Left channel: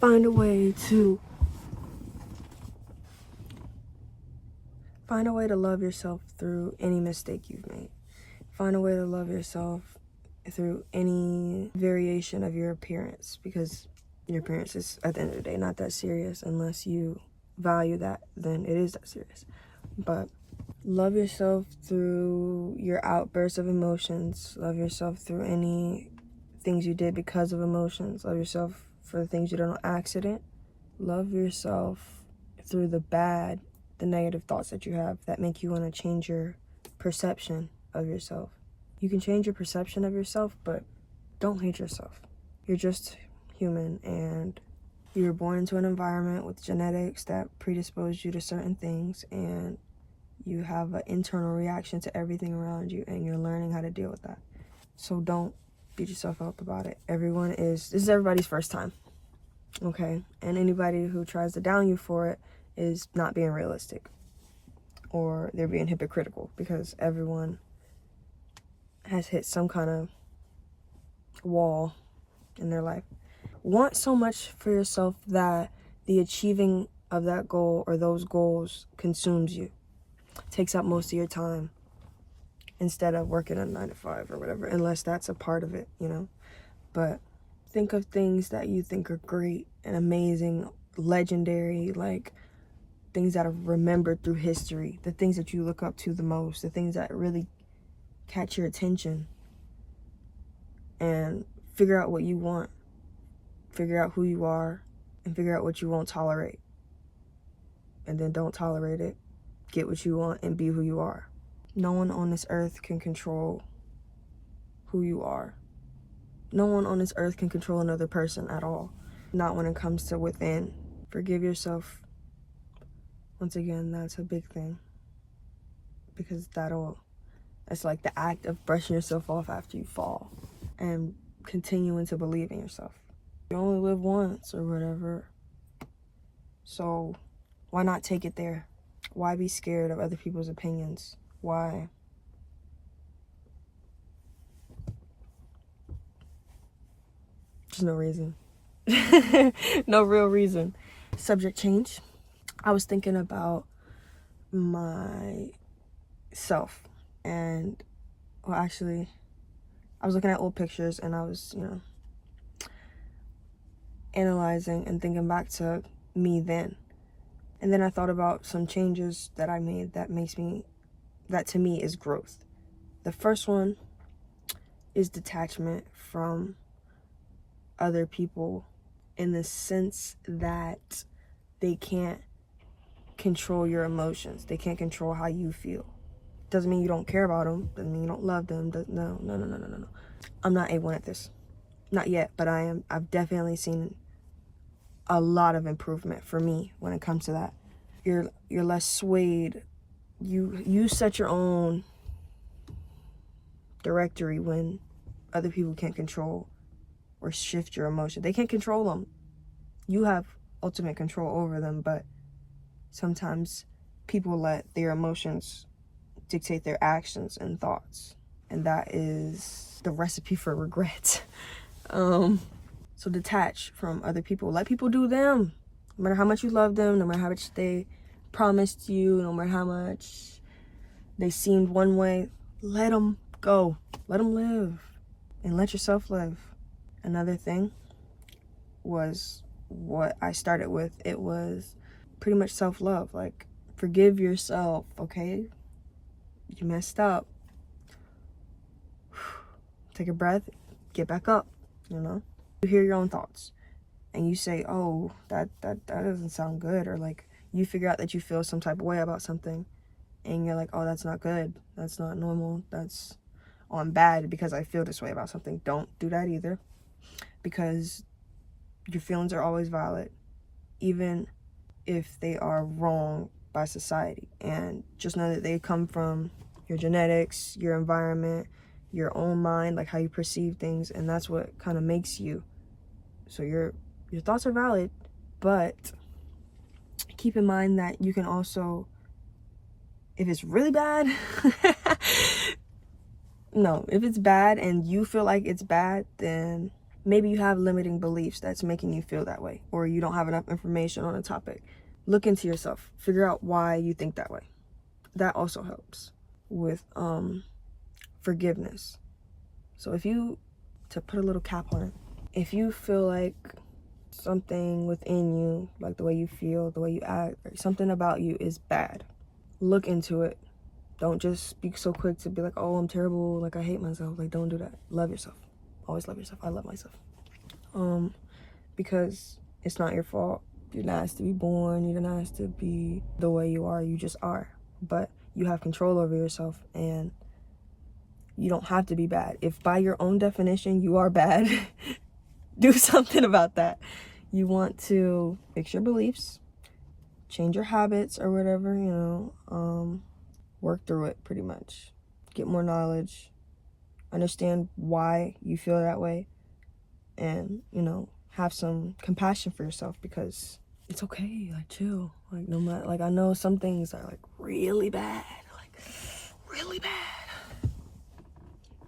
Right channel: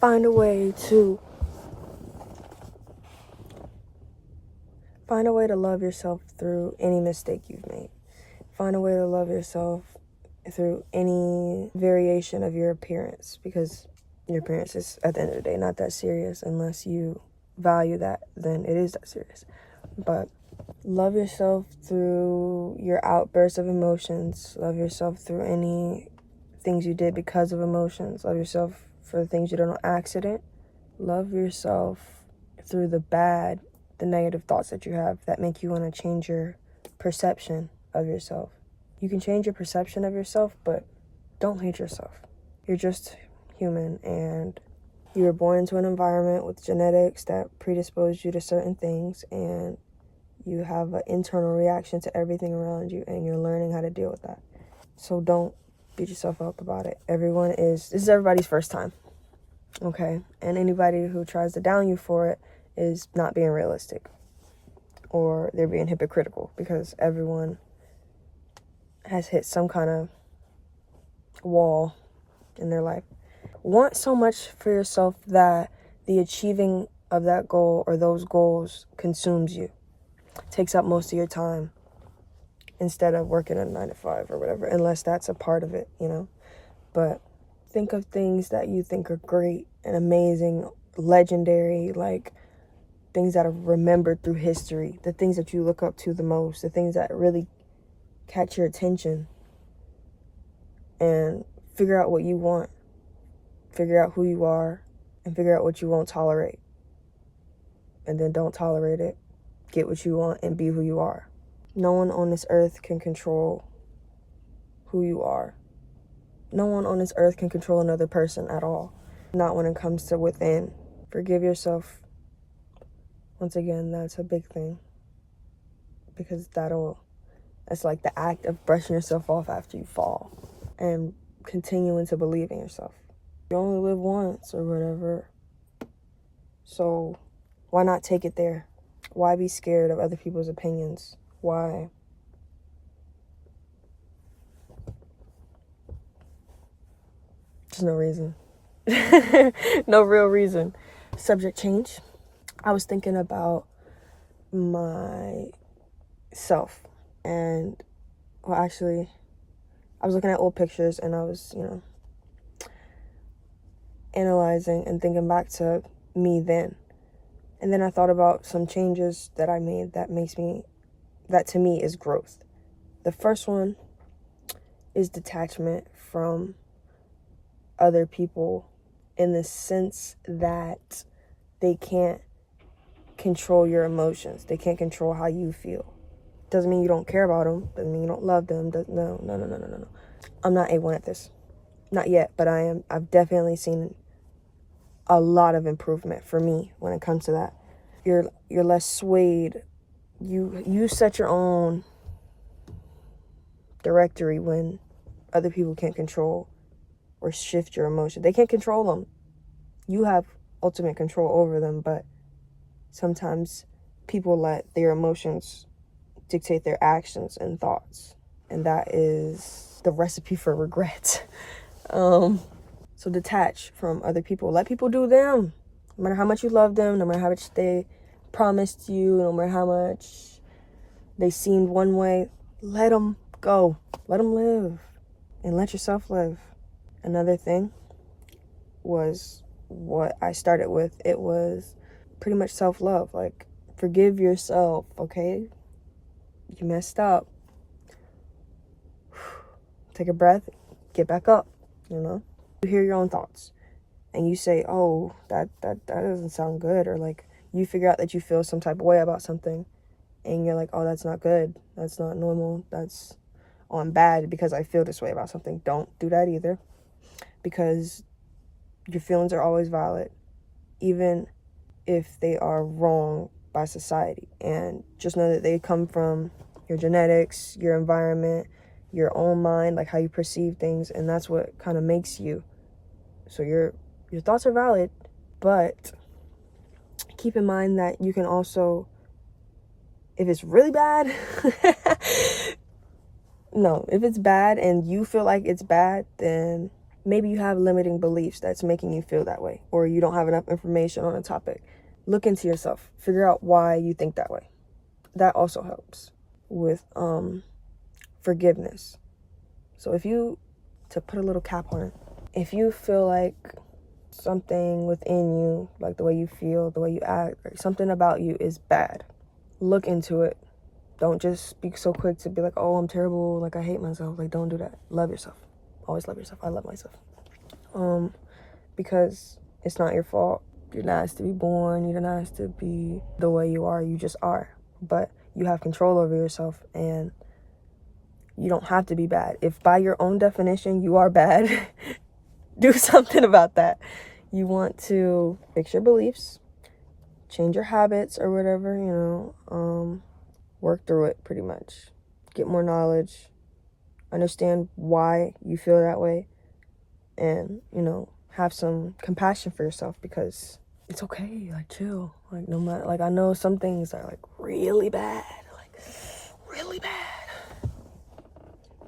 Find a way to love yourself through any mistake you've made. Find a way to love yourself through any variation of your appearance, because your appearance is, at the end of the day, not that serious unless you value that, then it is that serious. But love yourself through your outbursts of emotions. Love yourself through any things you did because of emotions. Love yourself for the things you did on accident. Love yourself through the negative thoughts that you have that make you want to change your perception of yourself. You can change your perception of yourself, but don't hate yourself. You're just human, and you were born into an environment with genetics that predisposed you to certain things, and you have an internal reaction to everything around you, and you're learning how to deal with that. So don't beat yourself up about it. This is everybody's first time, okay? And anybody who tries to down you for it is not being realistic, or they're being hypocritical, because everyone has hit some kind of wall in their life. Want so much for yourself that the achieving of that goal or those goals consumes you, takes up most of your time instead of working a 9 to 5 or whatever, unless that's a part of it, you know. But think of things that you think are great and amazing, legendary, like things that are remembered through history, the things that you look up to the most, the things that really catch your attention, and figure out what you want, figure out who you are, and figure out what you won't tolerate, and then don't tolerate it. Get what you want and be who you are. No one on this earth can control who you are. No one on this earth can control another person at all, not when it comes to within. Forgive yourself. Once again, that's a big thing, because that's like the act of brushing yourself off after you fall and continuing to believe in yourself. You only live once or whatever, so why not take it there? Why be scared of other people's opinions? Why? There's no reason. No real reason. Subject change. I was thinking about myself, and actually, I was looking at old pictures, and I was, analyzing and thinking back to me then. And then I thought about some changes that I made that to me is growth. The first one is detachment from other people, in the sense that they can't control your emotions. They can't control how you feel. Doesn't mean you don't care about them. Doesn't mean you don't love them. No. I'm not A1 at this. Not yet, but I am. I've definitely seen a lot of improvement for me when it comes to that. You're less swayed. You set your own directory when other people can't control or shift your emotion. They can't control them. You have ultimate control over them, but sometimes people let their emotions dictate their actions and thoughts, and that is the recipe for regret. So detach from other people. Let people do them. No matter how much you love them, no matter how much they promised you, no matter how much they seemed one way, let them go. Let them live, and let yourself live. Another thing was what I started with. It was pretty much self-love. Like, forgive yourself, okay? You messed up. Take a breath, get back up, You hear your own thoughts, and you say, oh, that doesn't sound good, or like you figure out that you feel some type of way about something, and you're like, oh, that's not good, that's not normal, I'm bad because I feel this way about something. Don't do that either, because your feelings are always valid, even if they are wrong by society. And just know that they come from your genetics, your environment, your own mind, like how you perceive things, and that's what kind of makes you. So your thoughts are valid, but keep in mind that you can also, if it's really bad, if it's bad and you feel like it's bad, then Maybe you have limiting beliefs that's making you feel that way, or you don't have enough information on a topic. Look into yourself. Figure out why you think that way. That also helps with forgiveness. So to put a little cap on it, if you feel like something within you, like the way you feel, the way you act, or something about you is bad, look into it. Don't just be so quick to be like, oh, I'm terrible, like I hate myself. Like, don't do that. Love yourself. Always love yourself. I love myself. Because it's not your fault. You didn't ask to be born. You didn't ask to be the way you are. You just are. But you have control over yourself, and you don't have to be bad. If by your own definition you are bad, do something about that. You want to fix your beliefs, change your habits or whatever, work through it pretty much. Get more knowledge, understand why you feel that way, and, have some compassion for yourself, because it's okay. Like, chill. Like, no matter, like, I know some things are like really bad,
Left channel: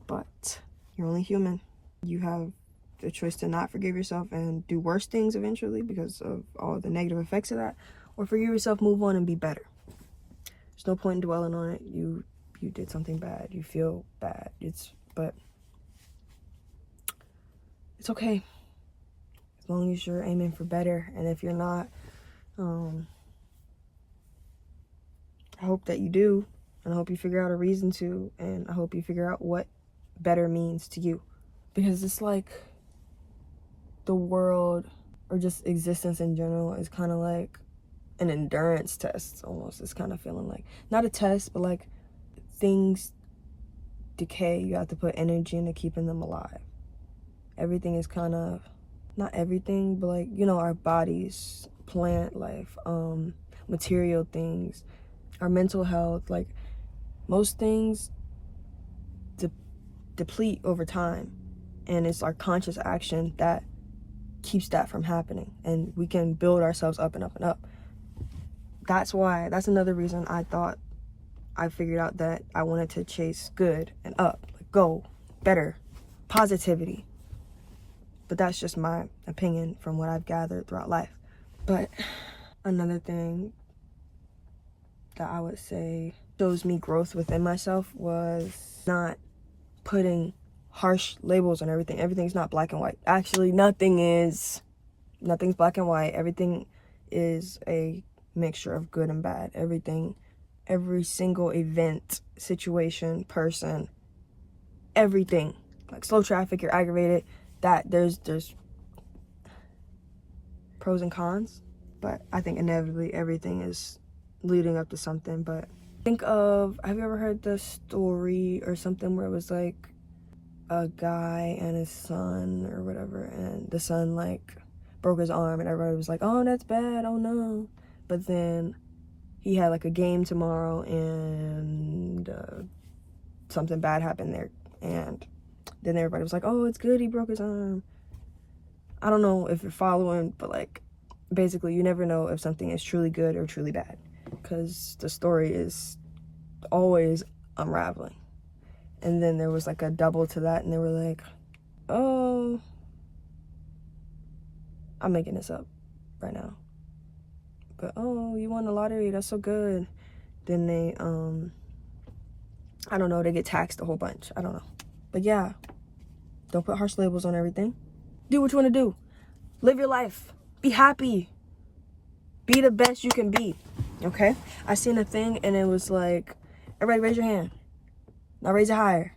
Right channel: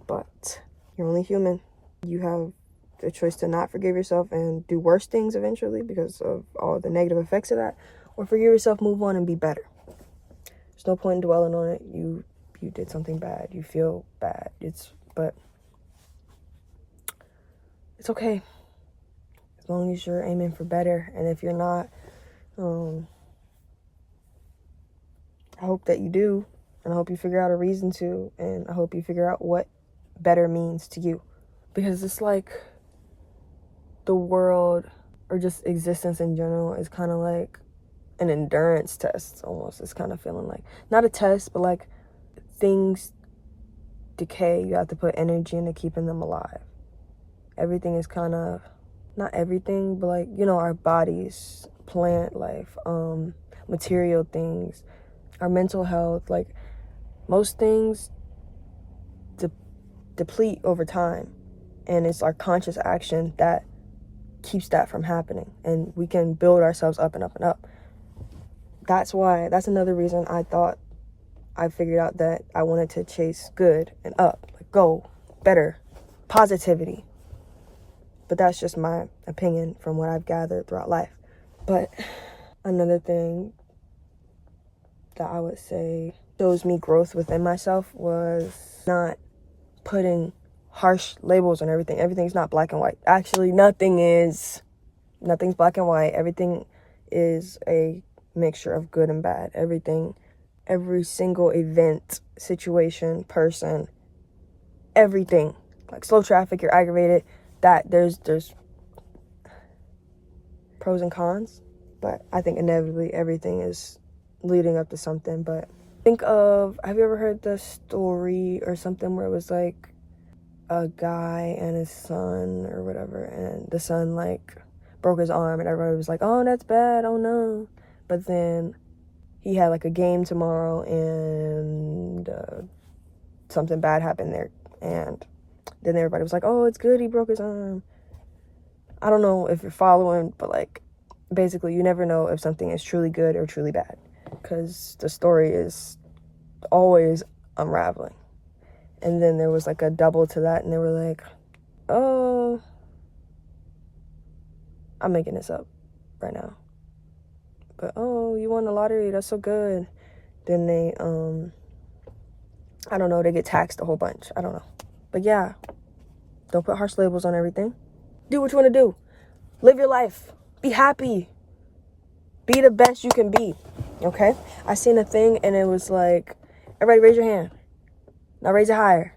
but you're only human. You have the choice to not forgive yourself and do worse things eventually because of all the negative effects of that, or forgive yourself, move on, and be better. There's no point in dwelling on it. You did something bad. You feel bad. But it's okay. As long as you're aiming for better. And if you're not, I hope that you do. And I hope you figure out a reason to. And I hope you figure out what better means to you. Because it's like the world, or just existence in general, is kind of like an endurance test almost. It's kind of feeling like, not a test, but like things decay. You have to put energy into keeping them alive. Everything is kind of, not everything, but like, our bodies, plant life, material things, our mental health, like most things deplete over time. And it's our conscious action that keeps that from happening. And we can build ourselves up and up and up. That's another reason I figured out that I wanted to chase good and up, like go, better, positivity. But that's just my opinion from what I've gathered throughout life. But another thing that I would say shows me growth within myself was not putting harsh labels on everything. Everything's not black and white. Actually, nothing's black and white. Everything is a mixture of good and bad. Every single event, situation, person, everything. Like slow traffic, you're aggravated. That there's pros and cons, but I think inevitably everything is leading up to something. But have you ever heard the story or something where it was like a guy and his son or whatever, and the son like broke his arm, and everybody was like, oh, that's bad, oh no. But then he had like a game tomorrow, and something bad happened there, and then everybody was like, oh, it's good he broke his arm. I don't know if you're following, but like basically you never know if something is truly good or truly bad, because the story is always unraveling. And then there was like a double to that, and they were like, oh, I'm making this up right now, but oh, you won the lottery, that's so good. Then they I don't know, they get taxed a whole bunch. I don't know. But yeah, don't put harsh labels on everything. Do what you want to do. Live your life. Be happy. Be the best you can be. Okay? I seen a thing, and it was like, everybody raise your hand. Now raise it higher.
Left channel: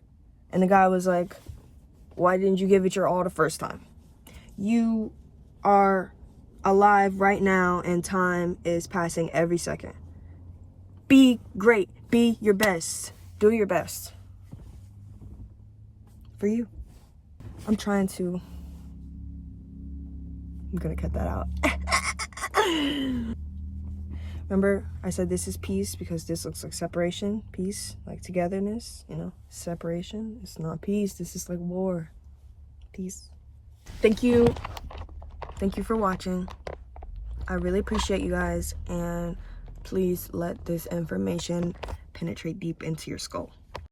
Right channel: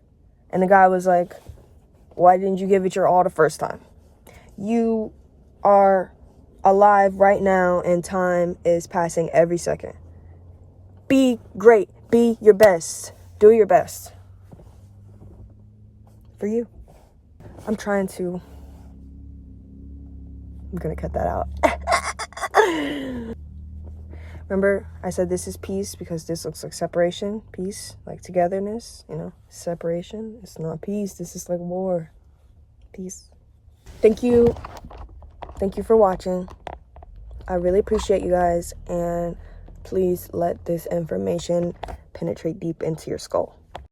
And the guy was like, why didn't you give it your all the first time? You are alive right now, and time is passing every second. Be great. Be your best. Do your best. For you. I'm going to cut that out. Remember, I said this is peace because this looks like separation. Peace, like togetherness, separation. It's not peace. This is like war. Peace. Thank you. Thank you for watching. I really appreciate you guys. And please let this information penetrate deep into your skull.